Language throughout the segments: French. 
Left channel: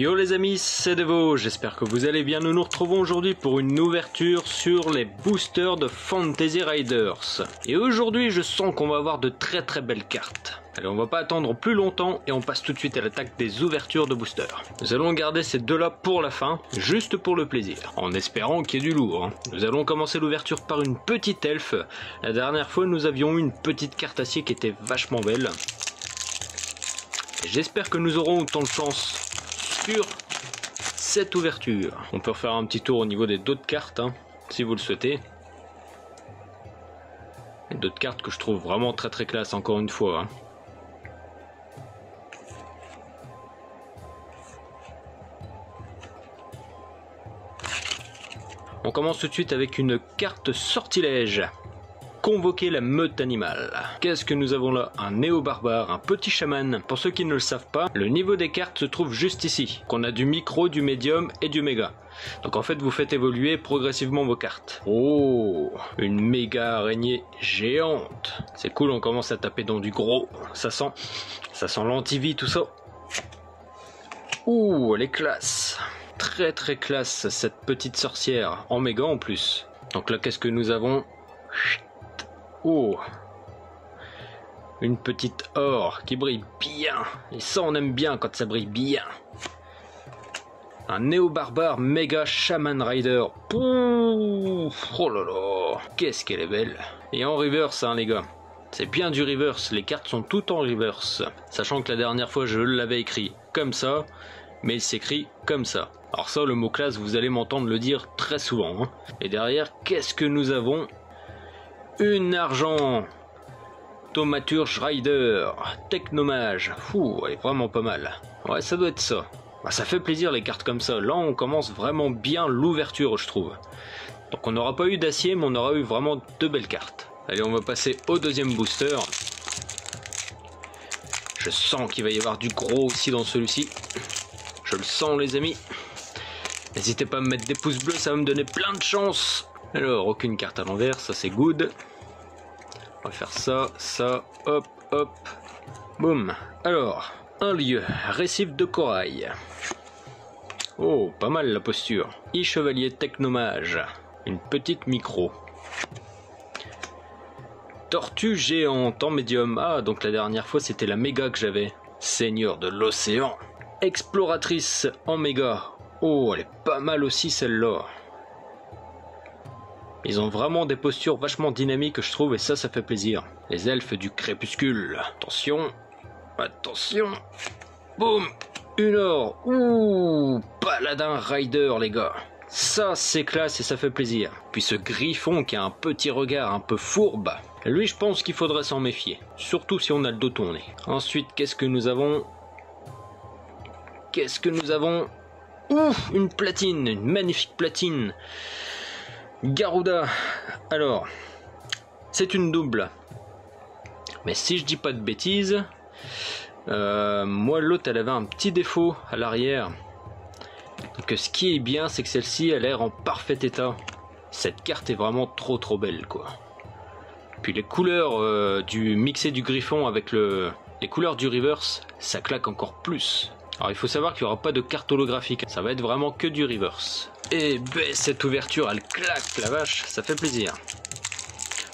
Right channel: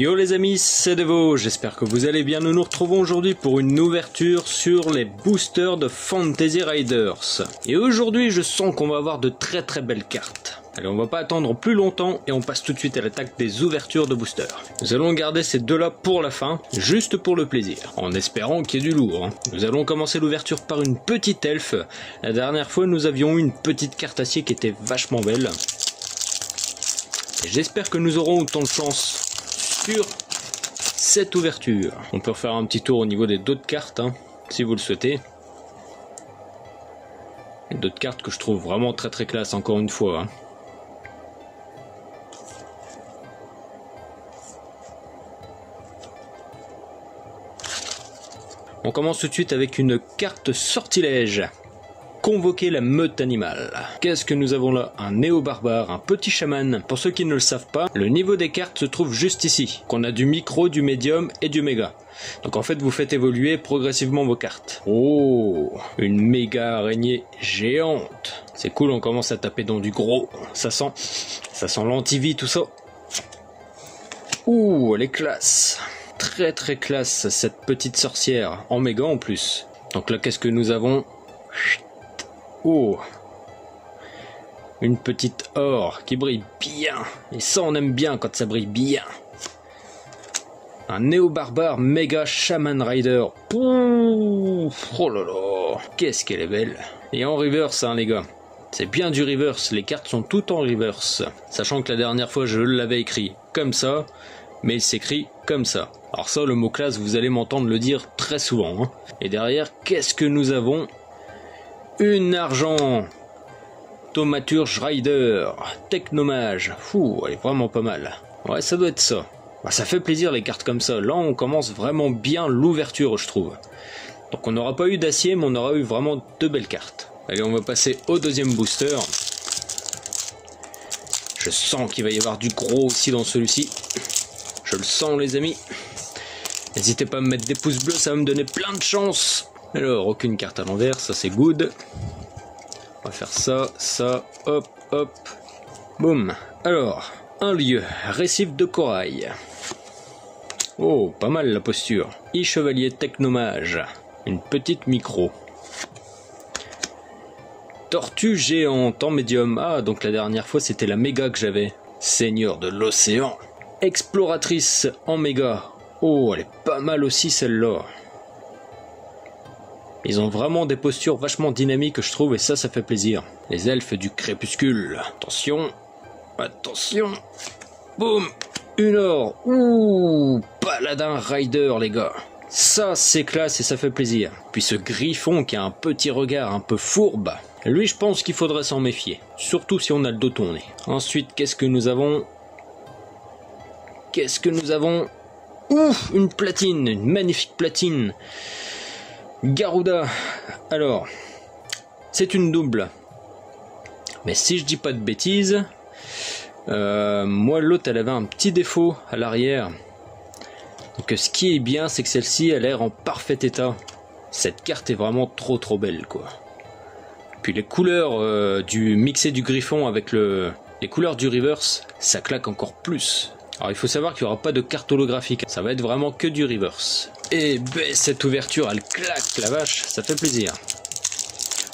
Yo les amis, c'est Devo, j'espère que vous allez bien. Nous nous retrouvons aujourd'hui pour une ouverture sur les boosters de Fantasy Riders. Et aujourd'hui je sens qu'on va avoir de très belles cartes. Allez, on va pas attendre plus longtemps et on passe tout de suite à l'attaque des ouvertures de boosters. Nous allons garder ces deux là pour la fin, juste pour le plaisir, en espérant qu'il y ait du lourd. Nous allons commencer l'ouverture par une petite elfe. La dernière fois nous avions eu une petite carte acier qui était vachement belle. J'espère que nous aurons autant de chance sur cette ouverture. On peut refaire un petit tour au niveau des d'autres cartes, si vous le souhaitez. D'autres cartes que je trouve vraiment très classe, encore une fois. On commence tout de suite avec une carte sortilège. Convoquer la meute animale. Qu'est-ce que nous avons là? Un néo-barbare, un petit chaman. Pour ceux qui ne le savent pas, le niveau des cartes se trouve juste ici. Qu'on a du micro, du médium et du méga. Donc en fait vous faites évoluer progressivement vos cartes. Oh, une méga araignée géante. C'est cool, on commence à taper dans du gros. Ça sent l'antivie tout ça. Ouh, elle est classe. Très classe cette petite sorcière. En méga en plus. Donc là qu'est-ce que nous avons? Oh, une petite or qui brille bien. Et ça on aime bien quand ça brille bien. Un néo-barbare méga shaman rider. Pouf, oh là là, qu'est-ce qu'elle est belle. Et en reverse les gars. C'est bien du reverse, les cartes sont toutes en reverse. Sachant que la dernière fois je l'avais écrit comme ça, mais il s'écrit comme ça. Alors ça, le mot classe, vous allez m'entendre le dire très souvent. Et derrière, qu'est-ce que nous avons? Une argent, Thaumaturge Rider, Technomage. Fou, elle est vraiment pas mal. Ouais, ça doit être ça. Bah, ça fait plaisir les cartes comme ça. Là, on commence vraiment bien l'ouverture, je trouve. Donc on n'aura pas eu d'acier, mais on aura eu vraiment de belles cartes. Allez, on va passer au deuxième booster. Je sens qu'il va y avoir du gros aussi dans celui-ci. Je le sens les amis. N'hésitez pas à me mettre des pouces bleus, ça va me donner plein de chance. Alors, aucune carte à l'envers, ça c'est good. On va faire ça, hop, boum. Alors, un lieu, récif de corail. Oh, pas mal la posture. Chevalier Technomage, une petite micro. Tortue géante en médium. Ah, donc la dernière fois c'était la méga que j'avais. Seigneur de l'océan. Exploratrice en méga. Oh, elle est pas mal aussi celle-là. Ils ont vraiment des postures vachement dynamiques je trouve et ça fait plaisir. Les elfes du crépuscule. Attention. Boum. Une or. Ouh. Paladin Rider les gars. Ça c'est classe et ça fait plaisir. Puis ce griffon qui a un petit regard un peu fourbe. Lui je pense qu'il faudrait s'en méfier. Surtout si on a le dos tourné. Ensuite qu'est-ce que nous avons? Ouf, une platine. Une magnifique platine. Garuda, alors, c'est une double. Mais si je dis pas de bêtises, moi l'autre elle avait un petit défaut à l'arrière. Donc ce qui est bien, c'est que celle-ci a l'air en parfait état. Cette carte est vraiment trop belle quoi. Puis les couleurs du mixé du griffon avec les couleurs du reverse, ça claque encore plus. Alors il faut savoir qu'il n'y aura pas de carte holographique, ça va être vraiment que du reverse. Et ben cette ouverture elle claque la vache, ça fait plaisir.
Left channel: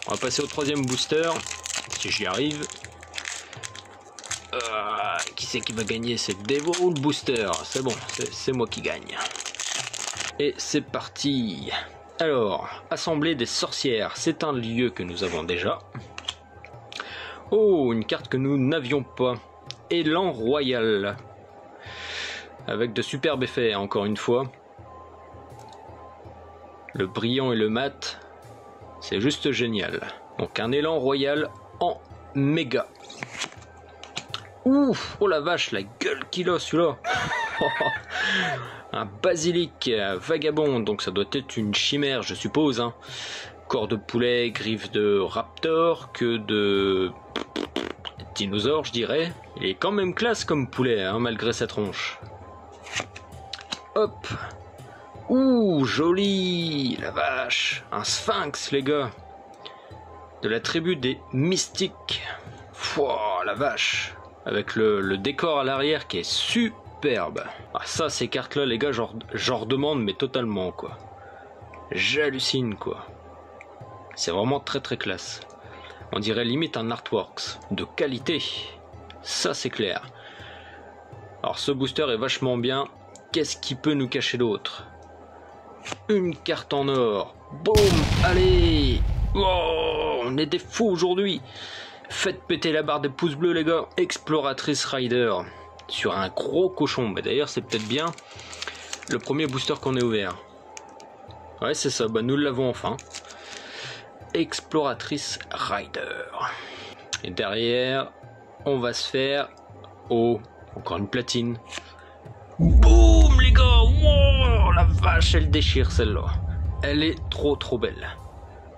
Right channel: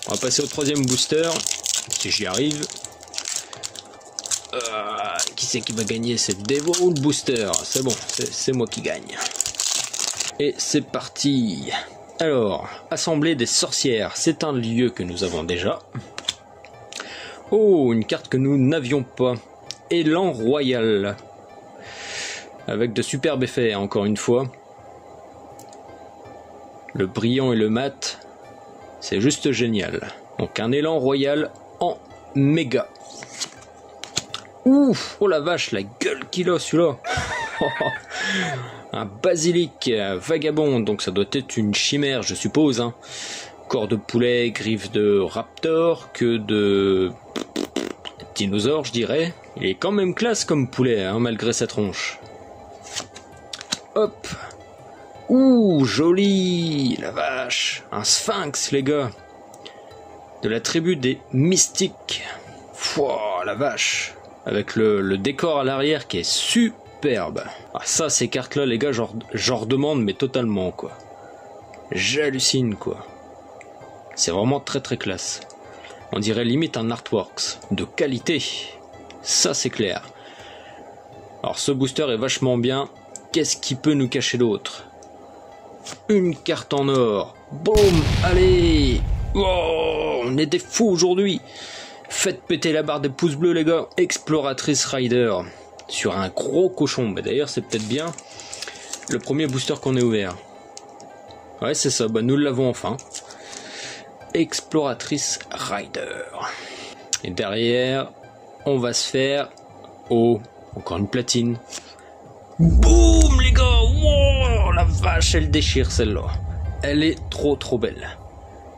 On va passer au troisième booster, si j'y arrive. Qui c'est qui va gagner? C'est Devo ou le booster? C'est bon, c'est moi qui gagne. Et c'est parti. Alors, Assemblée des sorcières, c'est un lieu que nous avons déjà. Oh, une carte que nous n'avions pas. Élan royal. Avec de superbes effets, encore une fois. Le brillant et le mat, c'est juste génial. Donc un élan royal en méga. Ouf, oh la vache, la gueule qu'il a celui-là. Un basilic vagabond, donc ça doit être une chimère je suppose. Corps de poulet, griffes de raptor, queue de dinosaure je dirais. Il est quand même classe comme poulet malgré sa tronche. Hop. Ouh, joli, la vache. Un sphinx, les gars. De la tribu des mystiques. Fouah, la vache. Avec le décor à l'arrière qui est superbe. Ah ça, ces cartes-là, les gars, j'en redemande, mais totalement, quoi. J'hallucine, quoi. C'est vraiment très très classe. On dirait limite un artworks. De qualité. Ça, c'est clair. Alors, ce booster est vachement bien. Qu'est-ce qui peut nous cacher d'autre? Une carte en or. Boum, allez. Oh, on est des fous aujourd'hui. Faites péter la barre des pouces bleus, les gars. Exploratrice Rider. Sur un gros cochon. Bah, d'ailleurs, c'est peut-être bien le premier booster qu'on ait ouvert. Ouais, c'est ça. Bah, nous l'avons enfin. Exploratrice Rider. Et derrière, on va se faire... Oh, encore une platine. Boum, les gars. Wow, la vache, elle déchire celle-là. Elle est trop trop belle.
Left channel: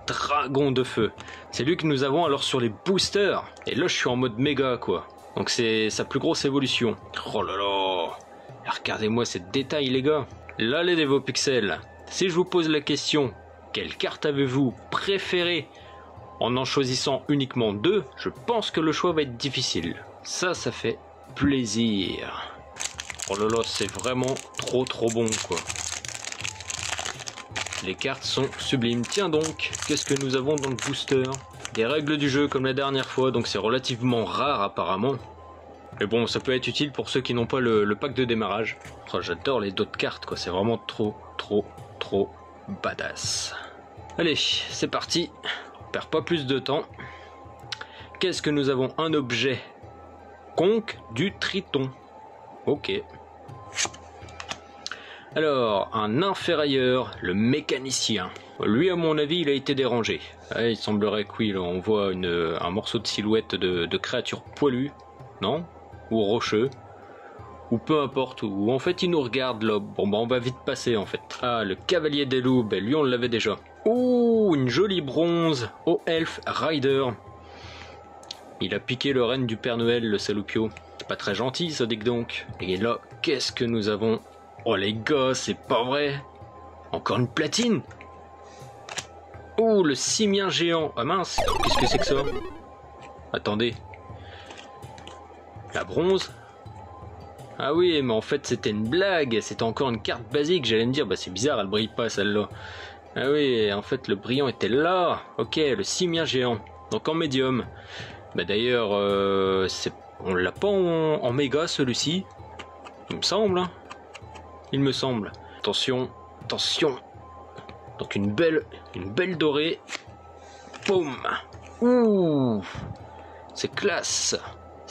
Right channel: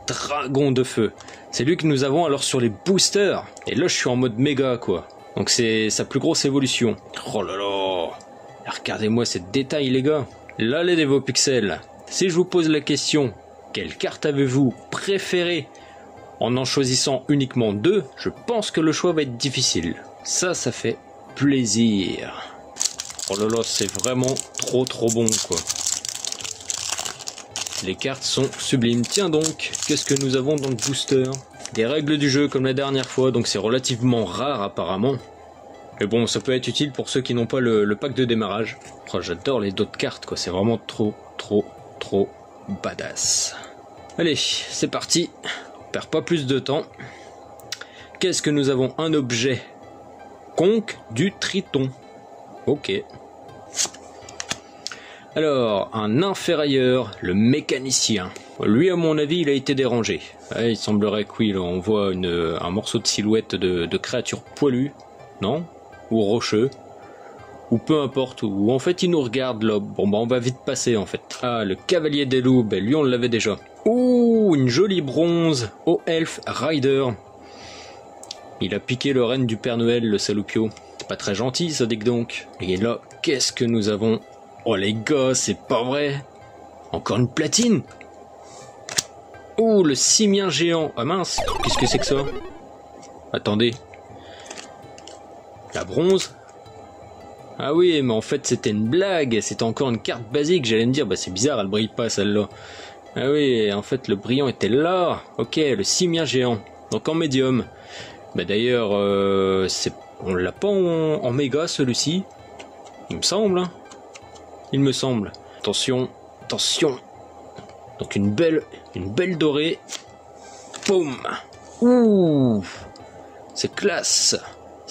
Dragon de feu. C'est lui que nous avons alors sur les boosters. Et là, je suis en mode méga, quoi. Donc c'est sa plus grosse évolution. Oh là là. Regardez-moi ces détails, les gars. Là, les Dévopixels. Si je vous pose la question, quelle carte avez-vous préférée en choisissant uniquement 2, je pense que le choix va être difficile. Ça fait plaisir. Oh là là, c'est vraiment trop trop bon, quoi. Les cartes sont sublimes. Tiens donc, qu'est-ce que nous avons dans le booster? Des règles du jeu comme la dernière fois, donc c'est relativement rare apparemment. Mais bon, ça peut être utile pour ceux qui n'ont pas le pack de démarrage. Oh, j'adore les d'autres cartes, quoi. C'est vraiment trop, trop, trop badass. Allez, c'est parti. On perd pas plus de temps. Qu'est-ce que nous avons? Un objet. Conque du Triton. Ok. Alors, un inférieur, le mécanicien. Lui, à mon avis, il a été dérangé. Il semblerait que oui, là, on voit un morceau de silhouette de créature poilue, non? Ou rocheux, ou peu importe, ou en fait il nous regarde là. Bon bah on va vite passer en fait. Ah, le cavalier des loups, ben lui on l'avait déjà. Ouh, une jolie bronze au Elf Rider. Il a piqué le renne du Père Noël, le saloupio. C'est pas très gentil ça, dites donc. Et là, qu'est-ce que nous avons? Oh les gars, c'est pas vrai. Encore une platine. Ouh, le simien géant. Ah mince, qu'est-ce que c'est que ça? Attendez. La bronze? Ah oui, mais en fait c'était une blague. C'était encore une carte basique. J'allais me dire, bah c'est bizarre, elle brille pas celle-là. Ah oui, en fait le brillant était là. Ok, le simien géant. Donc en médium. Bah d'ailleurs, on l'a pas en méga celui-ci. Il me semble. Hein. Il me semble. Attention, attention. Donc une belle dorée. Boum. Ouh. C'est classe.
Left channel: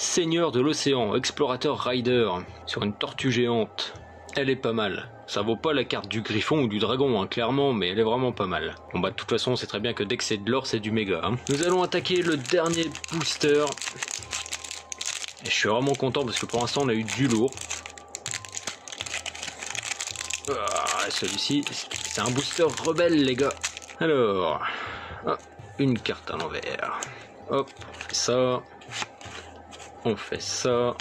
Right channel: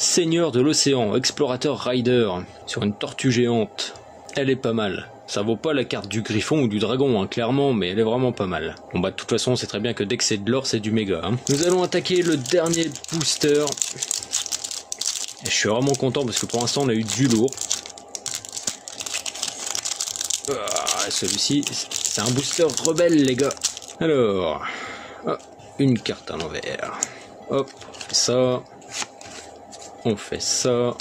Seigneur de l'océan, explorateur rider, sur une tortue géante. Elle est pas mal. Ça vaut pas la carte du griffon ou du dragon, hein, clairement, mais elle est vraiment pas mal. Bon bah de toute façon, on sait très bien que dès que c'est de l'or, c'est du méga. Hein. Nous allons attaquer le dernier booster. Et je suis vraiment content parce que pour l'instant, on a eu du lourd. Celui-ci, c'est un booster rebelle, les gars. Alors, une carte à l'envers. Hop, ça. On fait ça,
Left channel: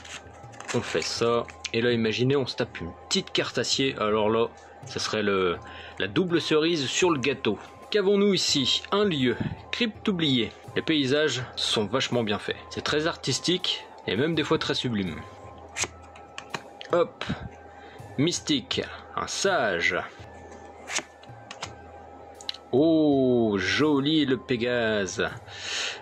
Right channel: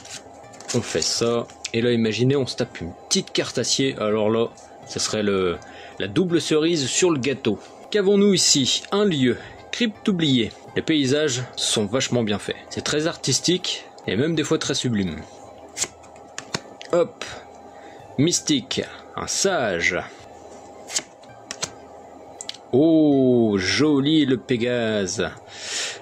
on fait ça, et là imaginez on se tape une petite carte acier, alors là, ça serait la double cerise sur le gâteau. Qu'avons-nous ici? Un lieu, crypte oubliée. Les paysages sont vachement bien faits, c'est très artistique, et même des fois très sublime. Hop, mystique, un sage. Oh, joli le Pégase.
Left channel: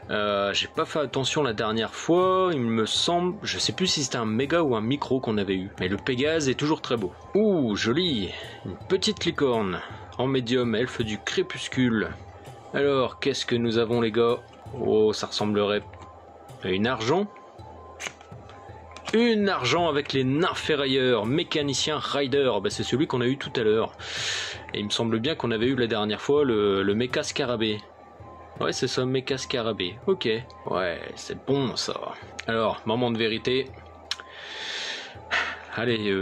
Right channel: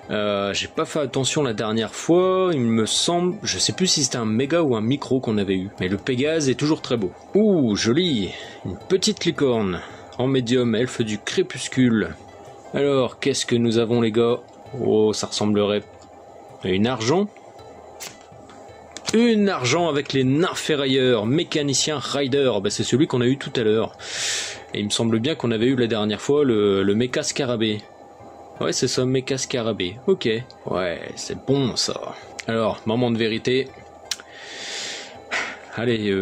J'ai pas fait attention la dernière fois, il me semble, je sais plus si c'était un méga ou un micro qu'on avait eu, mais le Pégase est toujours très beau. Ouh, joli, une petite licorne, en médium, elfe du crépuscule. Alors, qu'est-ce que nous avons les gars? Oh, ça ressemblerait à une argent. Une argent avec les nains ferrailleurs, mécanicien rider, bah, c'est celui qu'on a eu tout à l'heure. Et il me semble bien qu'on avait eu la dernière fois le méca scarabée. Ouais, c'est ça, méca scarabée. Ok. Ouais, c'est bon, ça. Alors, moment de vérité. Allez,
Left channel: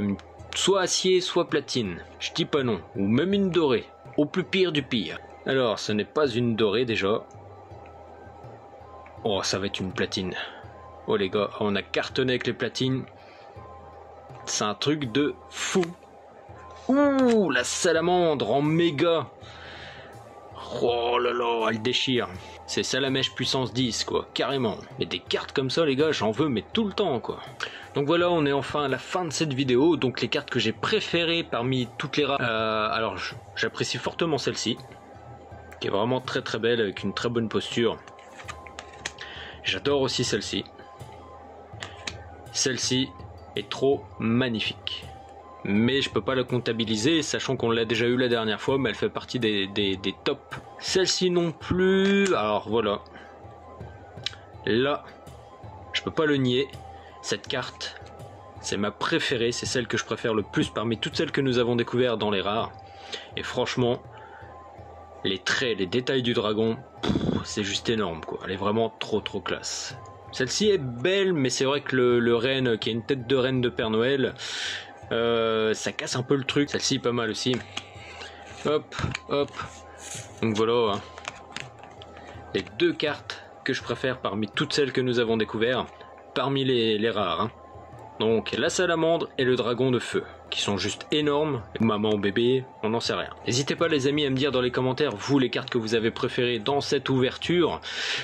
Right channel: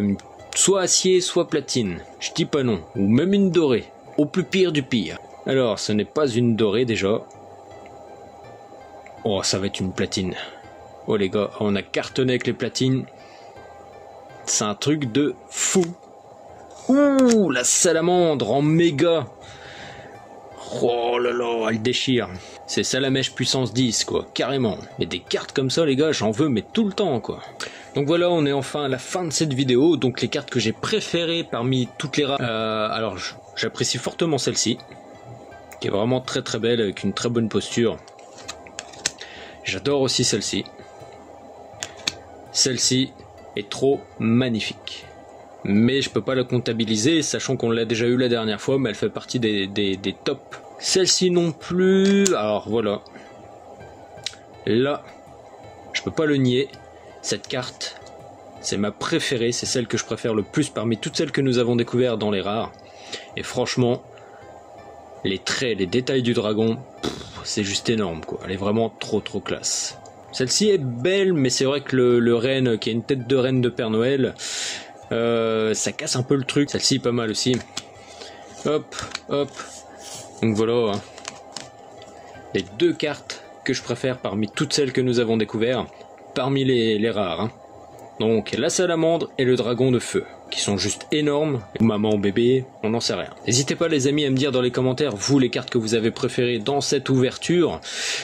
soit acier, soit platine. Je dis pas non. Ou même une dorée. Au plus pire du pire. Alors, ce n'est pas une dorée, déjà. Oh, ça va être une platine. Oh, les gars, on a cartonné avec les platines. C'est un truc de fou. Ouh, la salamandre en méga. Oh là là, elle déchire. C'est Salamèche puissance 10 quoi, carrément. Mais des cartes comme ça les gars, j'en veux mais tout le temps quoi. Donc voilà, on est enfin à la fin de cette vidéo. Donc les cartes que j'ai préférées parmi toutes les rares. Alors j'apprécie fortement celle-ci, qui est vraiment très très belle avec une très bonne posture. J'adore aussi celle-ci. Celle-ci est trop magnifique. Mais je peux pas la comptabiliser, sachant qu'on l'a déjà eu la dernière fois, mais elle fait partie des tops. Celle-ci non plus. Alors voilà. Là, je peux pas le nier. Cette carte, c'est ma préférée, c'est celle que je préfère le plus parmi toutes celles que nous avons découvertes dans les rares. Et franchement, les traits, les détails du dragon, c'est juste énorme quoi. Elle est vraiment trop classe. Celle-ci est belle, mais c'est vrai que le renne, qui a une tête de reine de Père Noël, ça casse un peu le truc. Celle-ci est pas mal aussi. Hop, hop. Donc voilà. Hein. Les deux cartes que je préfère parmi toutes celles que nous avons découvertes. Parmi les rares. Hein. Donc la salamandre et le dragon de feu, qui sont juste énormes. Maman, bébé, on n'en sait rien. N'hésitez pas les amis à me dire dans les commentaires, vous, les cartes que vous avez préférées dans cette ouverture.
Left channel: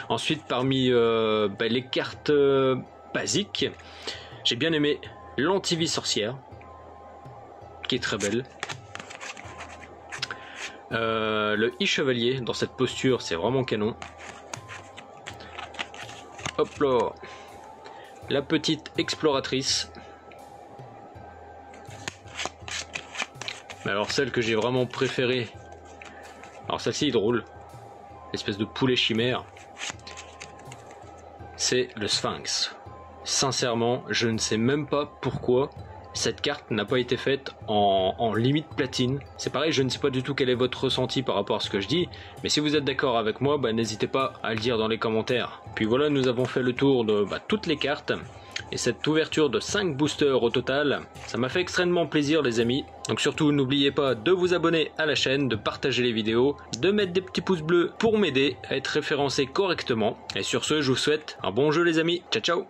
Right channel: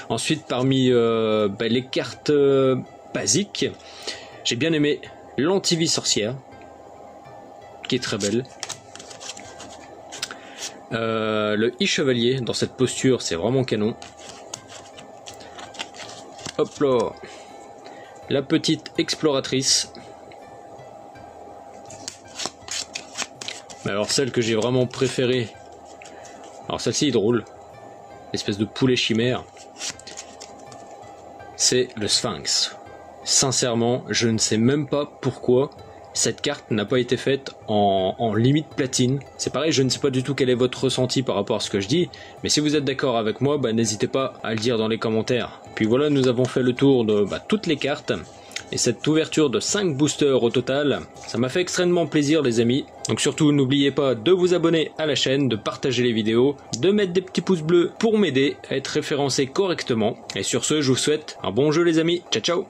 Ensuite, parmi les cartes basiques, j'ai bien aimé l'antivie sorcière, qui est très belle. Le i-chevalier, dans cette posture, c'est vraiment canon. Hop là. La petite exploratrice. Mais alors celle que j'ai vraiment préférée. Alors celle-ci est drôle. Espèce de poulet chimère. C'est le Sphinx. Sincèrement, je ne sais même pas pourquoi cette carte n'a pas été faite en limite platine. C'est pareil, je ne sais pas du tout quel est votre ressenti par rapport à ce que je dis, mais si vous êtes d'accord avec moi, n'hésitez pas à le dire dans les commentaires. Puis voilà, nous avons fait le tour de toutes les cartes, et cette ouverture de 5 boosters au total, ça m'a fait extrêmement plaisir les amis. Donc surtout, n'oubliez pas de vous abonner à la chaîne, de partager les vidéos, de mettre des petits pouces bleus pour m'aider à être référencé correctement. Et sur ce, je vous souhaite un bon jeu les amis, ciao ciao.